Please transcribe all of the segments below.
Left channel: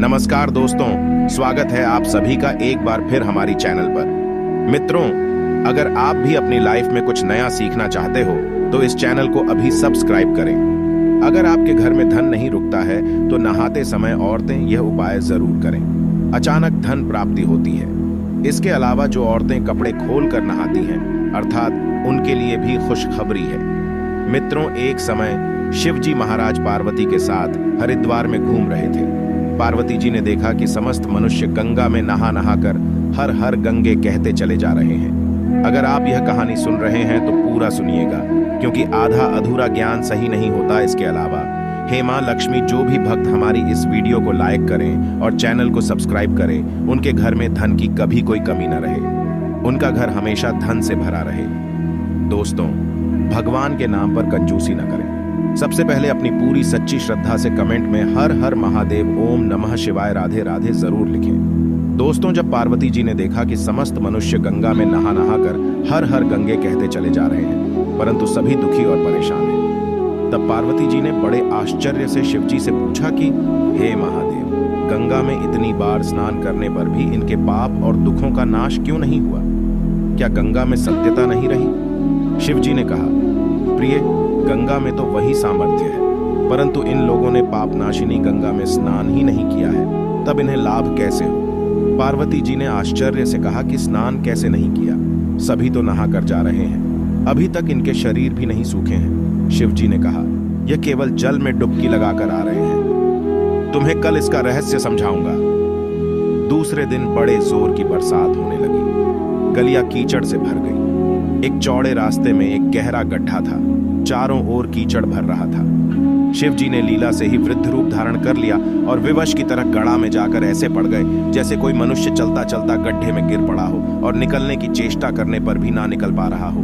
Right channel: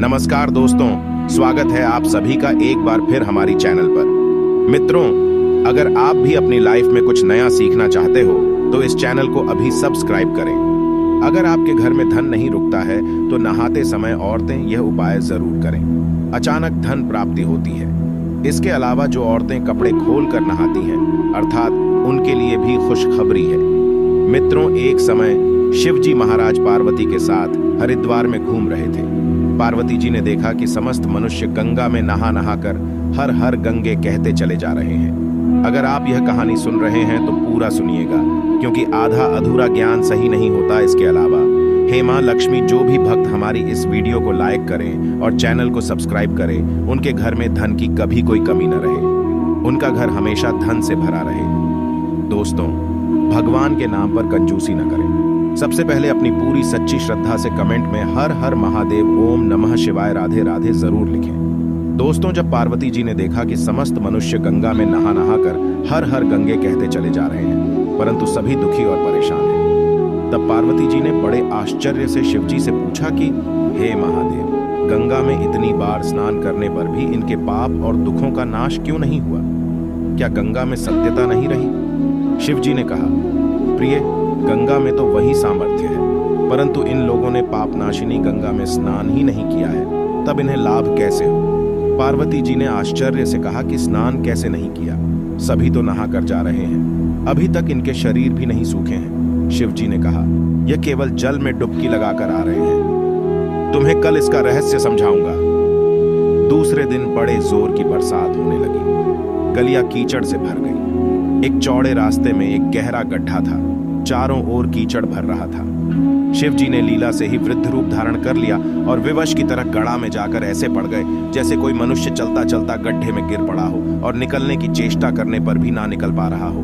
नमस्कार दोस्तों, स्वागत है आप सभी का एक बार फिर हमारी चैनल पर। मित्रों, अगर आप भी अपनी लाइफ में कुछ नया सीखना चाहते हो तो इस चैनल को अभी सब्सक्राइब करें। अगर आपके घर में धन नहीं रुकता है तो नहाते समय औरतें यह उपाय जरूर करें, अचानक धन प्राप्ति होती है। इसके अलावा जो औरतें कपड़े खोल कर नहाती हैं, अर्थात उनके लिए भी खुशखबरी है। मित्रों, एक समय शिव जी महाराज पार्वती के साथ हरिद्वार में घूम रहे थे। पार्वती जी ने देखा कि समस्त मनुष्य गंगा में नहा नहा कर हर हर गंगे कहते चले जा रहे हैं। अगर आप यह कहानी सुन रहे हैं तो पूरा सुनिएगा, क्योंकि आधा अधूरा ज्ञान सही नहीं होता। इसके अलावा हे मां लक्ष्मी, जो भी भक्त हमारी इस वीडियो को लाइक करें और चैनल को सब्सक्राइब करें, उनके घर में धन की कभी कोई कमी न रहे, उनका घर हमेशा धन से भरा रहे। दोस्तों, भगवान के नाम पर कंजूसी न करें। सबसे पहले अपनी पूरी सच्ची श्रद्धा से कमेंट में हर हर महादेव, ओम नमः शिवाय, राधे राधे जरूर लिखें। दोस्तों, जब पार्वती जी ने देखा कि समस्त मनुष्य गंगा में नहा नहा कर हर हर गंगे कहते चले जा रहे हैं, परंतु सभी दुखी और परेशान हैं, तब पार्वती जी ने बड़े आश्चर्य से शिव जी से पूछा कि हे महादेव, गंगा में इतनी बार स्नान करने पर भी इनके पाप और दुखों का नाश क्यों नहीं हुआ? क्या गंगा में सत्यता नहीं रही? शिव जी ने कहा, प्रिय, गंगा में तो वही सामर्थ्य है, परंतु इन लोगों ने पापनाशिनी गंगा में स्नान ही नहीं किया है, तब इन्हें लाभ कैसे हो? पार्वती जी ने आश्चर्य से कहा कि स्नान कैसे नहीं किया? सभी तो नहा कर जा रहे हैं, अभी तक इनके शरीर भी नहीं सूखे हैं। शिव जी ने कहा, यह केवल जल में डुबकी लगाकर आ रहे हैं, तुम्हें कल इसका रहस्य समझाऊंगा। दूसरे दिन बड़े जोर की बरसात होने लगी, गलियां कीचड़ से भर गई। एक चौड़े रास्ते में एक गहरा गड्ढा था, चारों ओर कीचड़ भर रहा था। शिव जी ने लीला से ही वृद्ध रूप धारण कर लिया और विवश की तरह गड़ा में जाकर ऐसे पड़ गए जैसे कोई मनुष्य चलता चलता गड्ढे में गिर पड़ा हो और निकलने की चेष्टा करने पर भी ना निकल पा रहा हो।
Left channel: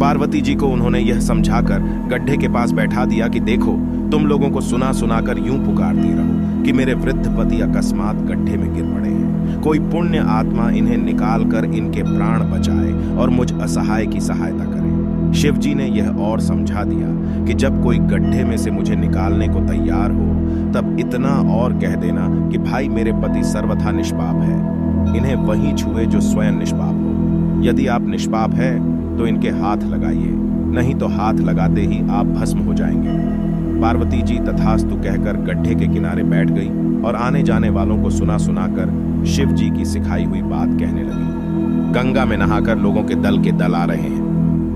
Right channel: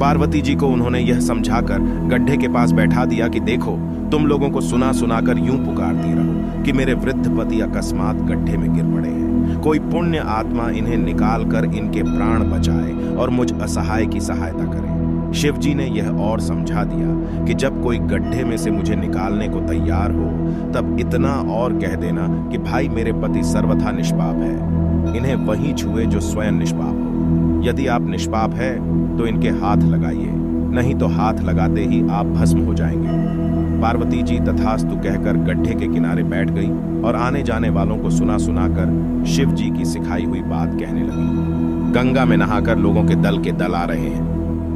पार्वती जी को उन्होंने यह समझाकर गड्ढे के पास बैठा दिया कि देखो, तुम लोगों को सुना सुनाकर यूं पुकारती रहो कि मेरे वृद्ध पति अकस्मात गड्ढे में गिर पड़े हैं, कोई पुण्य आत्मा इन्हें निकाल कर इनके प्राण बचाए और मुझ असहाय की सहायता करे। शिव जी ने यह और समझा दिया कि जब कोई गड्ढे में से मुझे निकालने को तैयार हो, तब इतना और कह देना कि भाई, मेरे पति सर्वथा निष्पाप है, इन्हें वही छुए जो स्वयं निष्पाप हो। यदि आप निष्पाप है तो इनके हाथ लगाइए, नहीं तो हाथ लगाते ही आप भस्म हो जाएंगे। पार्वती जी तथास्तु कहकर गड्ढे के किनारे बैठ गई और आने जाने वालों को सुना सुनाकर शिव जी की सिखाई हुई बात कहने लगी। गंगा में नहाकर लोगों के दल आ रहे हैं।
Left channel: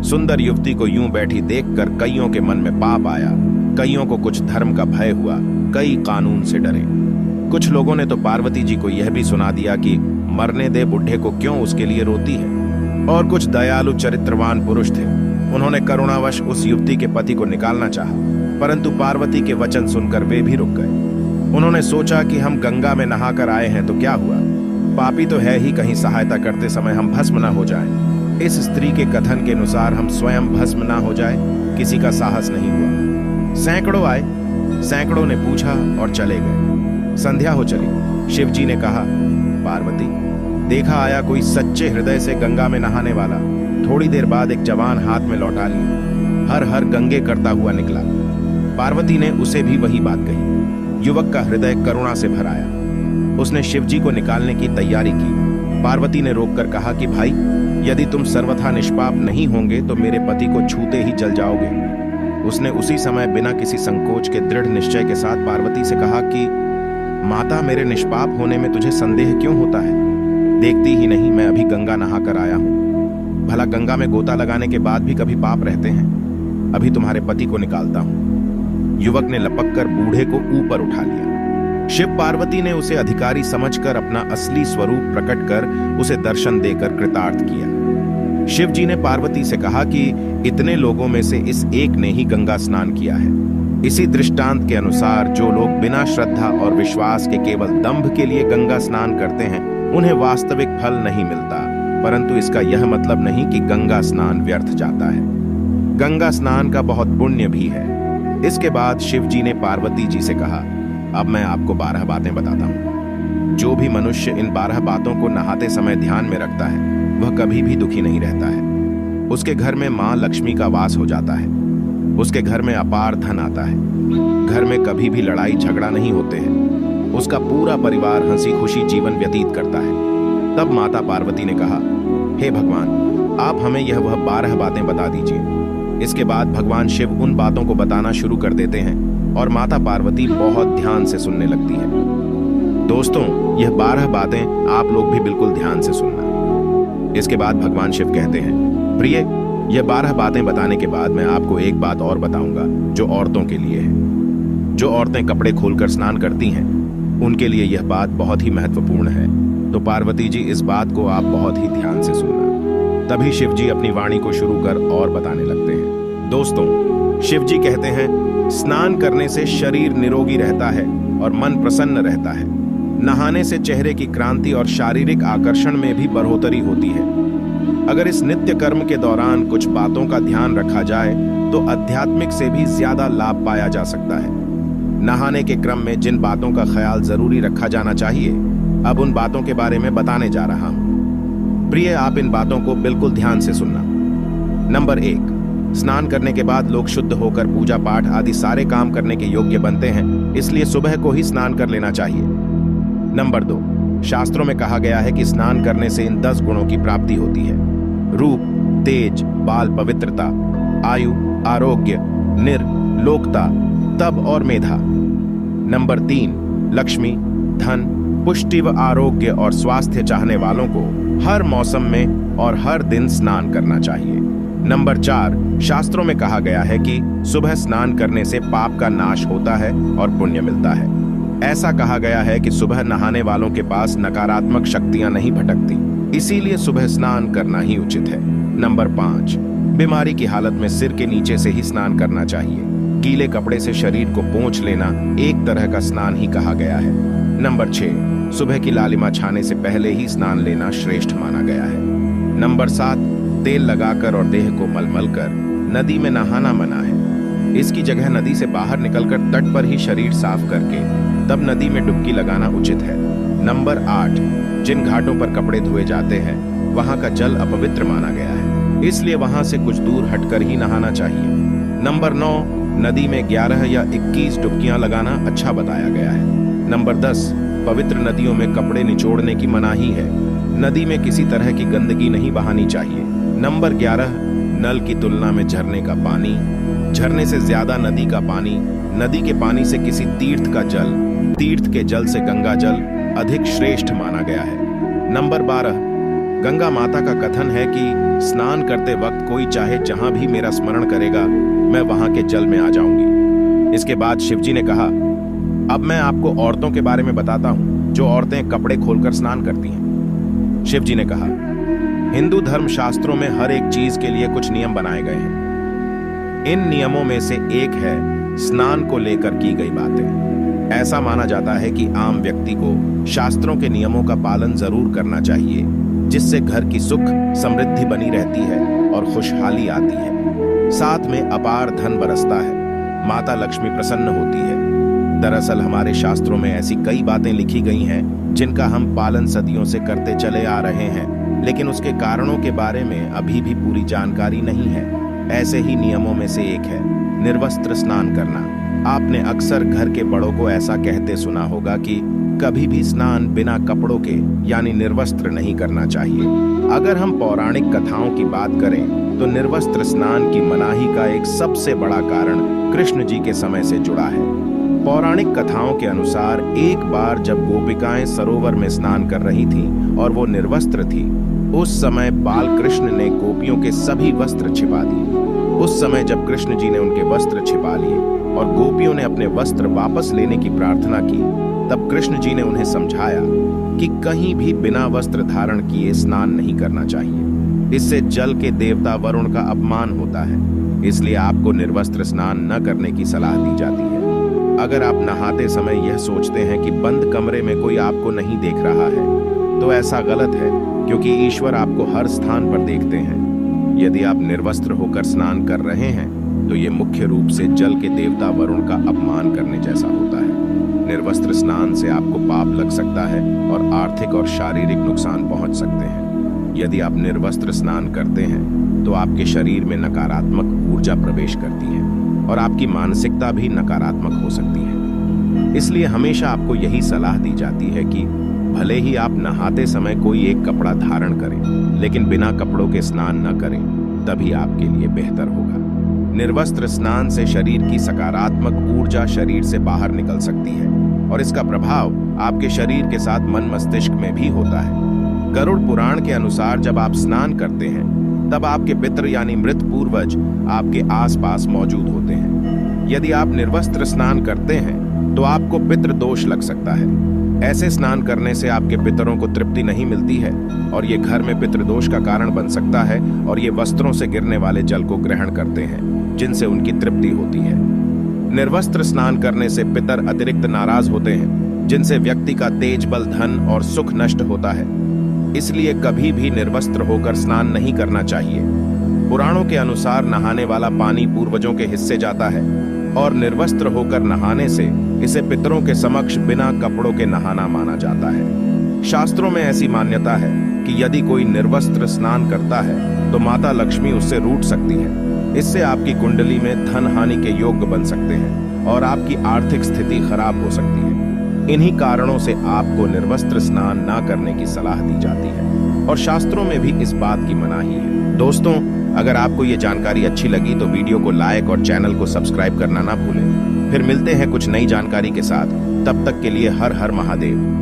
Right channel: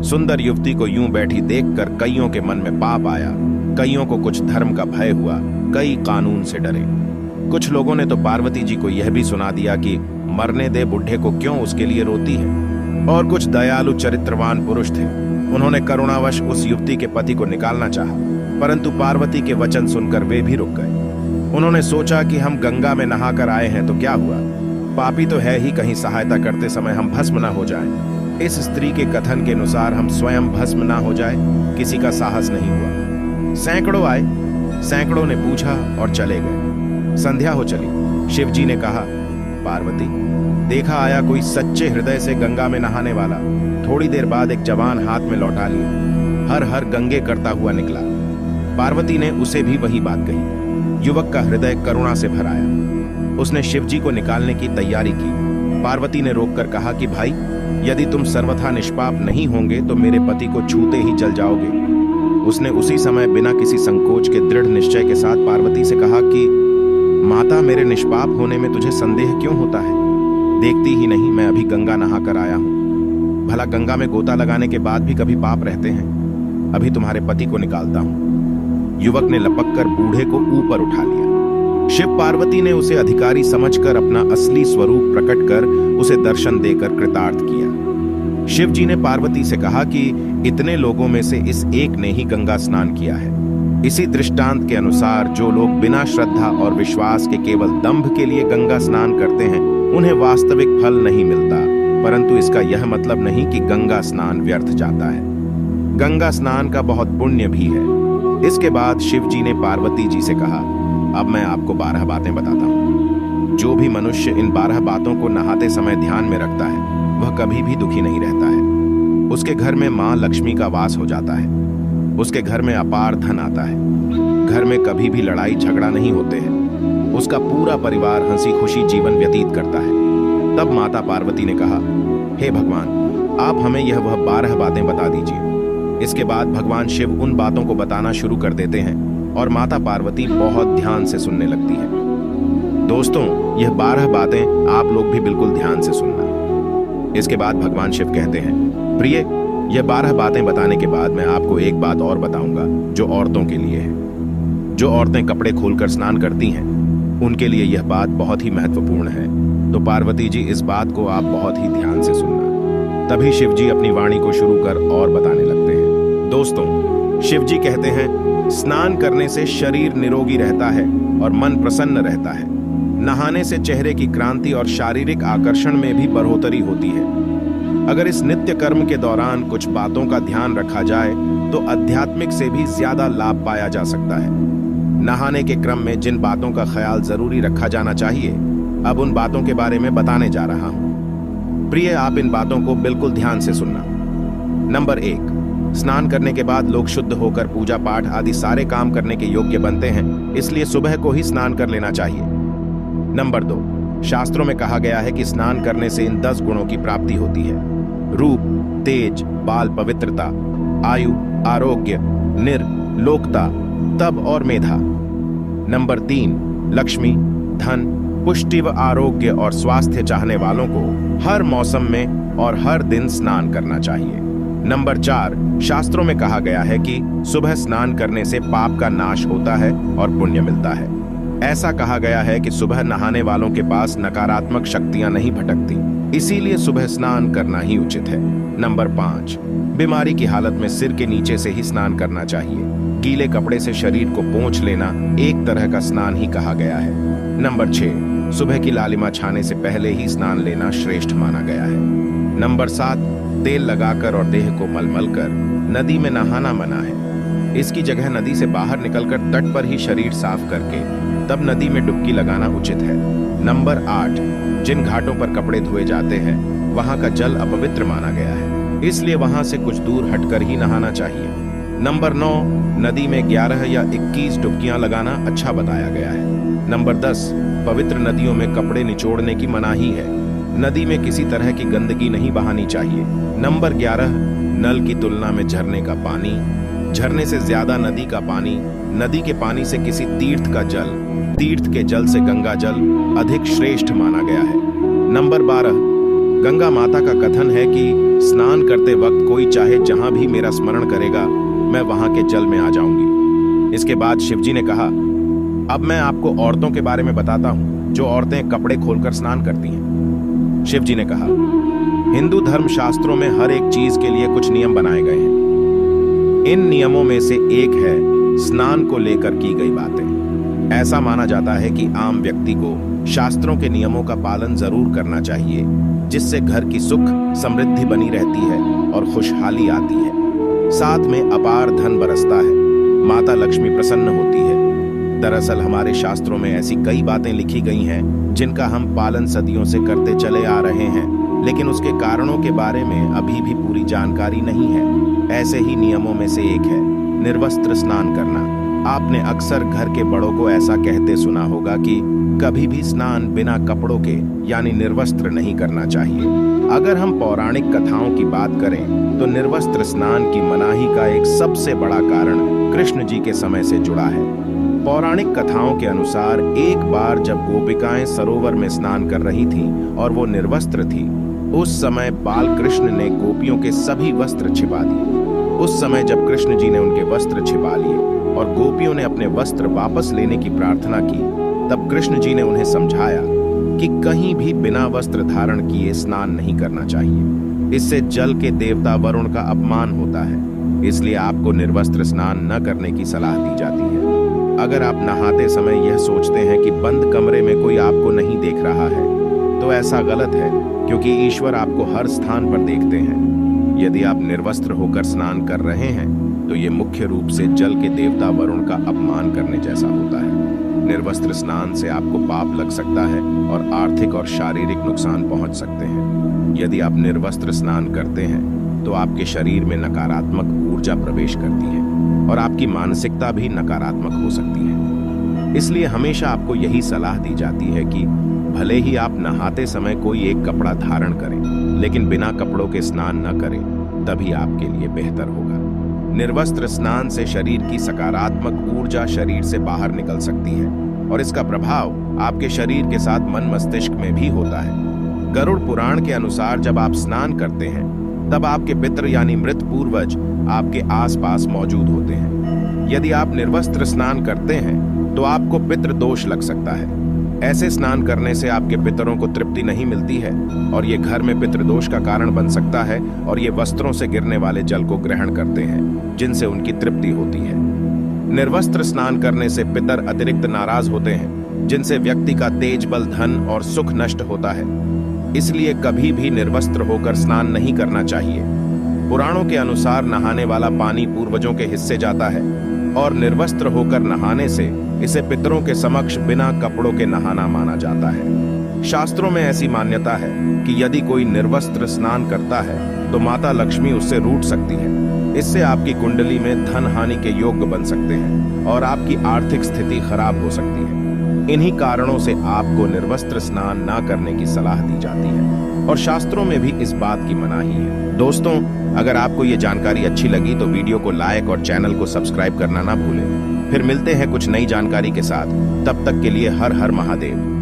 सुंदर युवती को यूं बैठी देखकर कईयों के मन में पाप आया, कईयों को कुछ धर्म का भय हुआ, कई कानून से डरे। कुछ लोगों ने तो पार्वती जी को यह भी सुना दिया कि मरने दे बुढ़े को, क्यों उसके लिए रोती है। और कुछ दयालु चरित्रवान पुरुष थे, उन्होंने करुणावश उस युवती के पति को निकालना चाहा, परंतु पार्वती के वचन सुनकर वे भी रुक गए। उन्होंने सोचा कि हम गंगा में नहाकर आए हैं तो क्या हुआ, पापी तो है ही, कहीं सहायता करते समय हम भस्म न हो जाएं। इस स्त्री के कथन के अनुसार हम स्वयं भस्म ना हो जाए, किसी का साहस नहीं हुआ। सैकड़ों आए, सैकड़ों ने पूछा और चले गए। संध्या हो चली। शिव जी ने कहा, पार्वती, देखा आया कोई सच्चे हृदय से गंगा में नहाने वाला। थोड़ी देर बाद एक जवान हाथ में लौटा लिए, हर हर गंगे करता हुआ निकला। पार्वती ने उसे भी वही बात कही। युवक का हृदय करुणा से भर आया, उसने शिव जी को निकालने की तैयारी की। पार्वती ने रोककर कहा कि भाई, यदि तुम सर्वथा निष्पाप नहीं होंगे तो मेरे पति को छूते ही जल जाओगे। उसने उसी समय बिना किसी संकोच के दृढ़ निश्चय के साथ पार्वती से कहा कि माता, मेरे निष्पाप होने में तुझे संदेह क्यों होता है? देखती ही नहीं, मैं अभी गंगा नहा कर आया हूं। भला गंगा में गोता लगाने के बाद भी कभी पाप रहते हैं? अभी तुम्हारे पति को निकालता हूं। युवक ने लपक कर बूढ़े को ऊपर उठा लिया। शिव पार्वती ने उसे अधिकारी समझकर अपना असली स्वरूप प्रकट कर उसे दर्शन देकर कृतार्थ किया। शिव जी ने पार्वती से कहा कि इतने लोगों में से इस एक ने ही गंगा स्नान किया है। इसी दृष्टांत के अनुसार जो लोग बिना श्रद्धा और विश्वास के केवल दंभ के लिए गंगा स्नान करते हैं, उन्हें वास्तविक फल नहीं मिलता, परंतु इसका यह मतलब नहीं कि गंगा स्नान व्यर्थ जाता है। गंगा स्नान का बहुत पुण्य भी है। इसके बाद शिव जी ने पार्वती जी से कहा, अब मैं आपको 12 बातें बताता हूं। जो भी मनुष्य इन 12 बातों को नहाते समय ध्यान में रखता है, वह कभी भी दुखी नहीं रहता है। उसके घर में मां लक्ष्मी का वास हो जाता है, उसके घर में अपार धन आता है, घर में कभी भी लड़ाई झगड़ा नहीं होते हैं, उसका पूरा परिवार हंसी खुशी जीवन व्यतीत करता है। तब माता पार्वती ने कहा, हे भगवान, आप हमें यह वह 12 बातें बता दीजिए। इसके बाद भगवान शिव उन बातों को बताना शुरू कर देते हैं और माता पार्वती बहुत ध्यान से सुनने लगती है। दोस्तों, यह 12 बातें आप लोग भी बिल्कुल ध्यान से सुनना। इसके बाद भगवान शिव कहते हैं, प्रिय, यह 12 बातें बताने के बाद मैं आपको एक बात और बताऊंगा जो औरतों के लिए है। जो औरतें कपड़े खोलकर स्नान करती हैं, उनके लिए यह बात बहुत ही महत्वपूर्ण है। तो पार्वती जी, इस बात को आप बहुत ही ध्यान से सुनना। तभी शिव जी अपनी वाणी को शुरू कर और बताने लगते हैं। दोस्तों, शिव जी कहते हैं, स्नान करने से शरीर निरोगी रहता है और मन प्रसन्न रहता है। नहाने से चेहरे की क्रांति और शारीरिक आकर्षण में भी बढ़ोतरी होती है। अगर इस नित्य कर्म के दौरान कुछ बातों का ध्यान रखा जाए तो आध्यात्मिक से भी ज्यादा लाभ पाया जा सकता है। नहाने के क्रम में जिन बातों का ख्याल जरूरी रखा जाना चाहिए, अब उन बातों के बारे में बताने जा रहा हूं। प्रिय, आप इन बातों को बिल्कुल ध्यान से सुनना। नंबर 1, स्नान करने के बाद लोग शुद्ध होकर पूजा पाठ आदि सारे काम करने के योग्य बनते हैं, इसलिए सुबह को ही स्नान कर लेना चाहिए। नंबर 2, शास्त्रों में कहा गया है कि स्नान करने से इन 10 गुणों की प्राप्ति होती है: रूप, तेज, बाल पवित्रता, आयु, आरोग्य, निर्लोकता, तप और मेधा। नंबर 3, लक्ष्मी, धन, पुष्टि व आरोग्य और स्वास्थ्य चाहने वालों को हर मौसम में और हर दिन स्नान करना चाहिए। नंबर 4, शास्त्रों में कहा गया है कि सुबह स्नान करने से पाप का नाश होता है और पुण्य मिलता है। ऐसा कहा गया है कि सुबह नहाने वालों के पास नकारात्मक शक्तियां नहीं भटकती, इसीलिए सुबह स्नान करना ही उचित है। नंबर 5, बीमारी की हालत में सिर के नीचे से ही स्नान करना चाहिए। गीले कपड़े से शरीर को पोंछ लेना एक तरह का स्नान ही कहा गया है। नंबर 6, सुबह की लालिमा छाने से पहले ही स्नान लेना श्रेष्ठ माना गया है। नंबर 7, तेल लगाकर और देह को मलमल कर नदी में नहाना मना है। इसकी जगह नदी से बाहर निकलकर तट पर ही शरीर साफ करके तब नदी में डुबकी लगाना उचित है। नंबर 8, जिन घाटों पर कपड़े धोए जाते हैं वहां का जल अपवित्र माना गया है, इसलिए वहां से कुछ दूर हटकर ही नहाना चाहिए। नंबर 9, नदी में 11 या 21 डुबकियां लगाना अच्छा बताया गया है। नंबर 10, पवित्र नदियों में कपड़े निचोड़ने की मनाही है। नदी में किसी तरह की गंदगी नहीं बहानी चाहिए। नंबर 11, नल की तुलना में झरने का पानी, झरने से ज्यादा नदी का पानी, नदी के पानी से किसी तीर्थ का जल, तीर्थ के जल से गंगा जल अधिक श्रेष्ठ माना गया है। नंबर 12, गंगा माता का कथन है कि स्नान करते वक्त कोई चाहे जहां भी मेरा स्मरण करेगा, मैं वहां के जल में आ जाऊंगी। इसके बाद शिवजी ने कहा, अब मैं आपको औरतों के बारे में बताता हूं जो औरतें कपड़े खोलकर स्नान करती हैं। शिवजी ने कहा, हिंदू धर्म शास्त्रों में हर एक चीज के लिए कुछ नियम बनाए गए हैं। इन नियमों में से एक है स्नान को लेकर की गई बातें। ऐसा माना जाता है कि आम व्यक्ति को शास्त्रों के नियमों का पालन जरूर करना चाहिए, जिससे घर की सुख समृद्धि बनी रहती है और खुशहाली आती है। साथ में अपार धन बरसता है, माता लक्ष्मी प्रसन्न होती है। दरअसल हमारे शास्त्रों में ऐसी कई बातें लिखी गई हैं जिनका हम पालन सदियों से करते चले आ रहे हैं, लेकिन उसके कारणों के बारे में अभी भी पूरी जानकारी नहीं है। ऐसे ही नियमों में से एक है निर्वस्त्र स्नान करना। आपने अक्सर घर के बड़ों को ऐसा कहते सुना होगा कि कभी भी स्नान बिना कपड़ों के यानी निर्वस्त्र नहीं करना चाहिए। अगर हम पौराणिक कथाओं की बात करें तो निर्वस्त्र स्नान की मनाही का एक सबसे बड़ा कारण कृष्ण जी के समय से जुड़ा है। पौराणिक कथाओं के अनुसार एक बार जब गोपिकाएं सरोवर में स्नान कर रही थीं और वो निर्वस्त्र थी, उस समय बाल कृष्ण ने गोपियों के सभी वस्त्र छिपा दिए। उस समय जब कृष्ण जी ने उनके वस्त्र छिपा लिए और गोपियों ने अपने वस्त्र वापस लेने की प्रार्थना की, तब कृष्ण जी ने उन्हें समझाया कि कहीं भी बिना वस्त्र धारण किए स्नान नहीं करना चाहिए। इससे जल के देवता वरुण का अपमान होता है, इसलिए आपको निर्वस्त्र स्नान न करने की सलाह दी जाती है। अगर आप नहाते समय यह सोचते हैं कि बंद कमरे में कोई आपको नहीं देख रहा है, तो ऐसा गलत है, क्योंकि ईश्वर आपको हर स्थान पर देखते हैं। यदि आप निर्वस्त्र होकर स्नान कर रहे हैं तो ये मुख्य रूप से जल के देवता वरुण का अपमान करने जैसा होता है। निर्वस्त्र स्नान से आपको पाप लग सकता है और आर्थिक और शारीरिक नुकसान पहुंच सकते हैं। यदि आप निर्वस्त्र स्नान करते हैं तो आपके शरीर में नकारात्मक ऊर्जा प्रवेश करती है और आपकी मानसिकता भी नकारात्मक हो सकती है। इसलिए हमेशा आपको यही सलाह दी जाती है कि भले ही आप नहाते समय कोई एक कपड़ा धारण करें, लेकिन बिना कपड़ों के स्नान न करें, तभी आपके लिए बेहतर होगा। निर्वस्त्र स्नान से शरीर की सकारात्मक ऊर्जा शरीर से बाहर निकल सकती है और इसका प्रभाव आपके शरीर के साथ मन मस्तिष्क में भी होता है। गरुड़ पुराण के अनुसार जब आप स्नान करते हैं तब आपके पितृ यानी मृत पूर्वज आपके आसपास मौजूद होते हैं। यदि आप निर्वस्त्र स्नान करते हैं तो आपको पितृ दोष लग सकता है। ऐसे स्नान करने से आपके पितरों को तृप्ति नहीं मिलती है और ये घर में पितृदोष का कारण बन सकता है और ये वस्त्रों से गिरने वाले जल को ग्रहण करते हैं जिनसे उनकी तृप्ति होती है। निर्वस्त्र स्नान करने से पितर अतिरिक्त नाराज होते हैं जिनसे व्यक्ति का तेज बल धन और सुख नष्ट होता है। इसलिए कभी भी निर्वस्त्र होकर स्नान नहीं करना चाहिए। पुराणों के अनुसार नहाने वाला पानी पूर्वजों के हिस्से जाता है और निर्वस्त्र होकर नहाने से इसे पितरों के समक्ष बिना कपड़ों के नहाना माना जाता है। शास्त्रों में ऐसी मान्यता है कि यदि कोई निर्वस्त्र स्नान करता है तो माता लक्ष्मी उससे रूठ सकती है। इससे आपकी कुंडली में धन हानि के योग बन सकते हैं और आपकी आर्थिक स्थिति खराब हो सकती है। इन्हीं कारणों से आपको निर्वस्त्र स्नान ना करने की सलाह दी जाती है और शास्त्रों में भी इस बात की मनाही है। दोस्तों, अगर आपको ये जानकारी अच्छी लगी तो वीडियो को लाइक और चैनल को सब्सक्राइब करना ना भूलें। फिर मिलते हैं कुछ नई जानकारी के साथ। तब तक के लिए हर हर महादेव।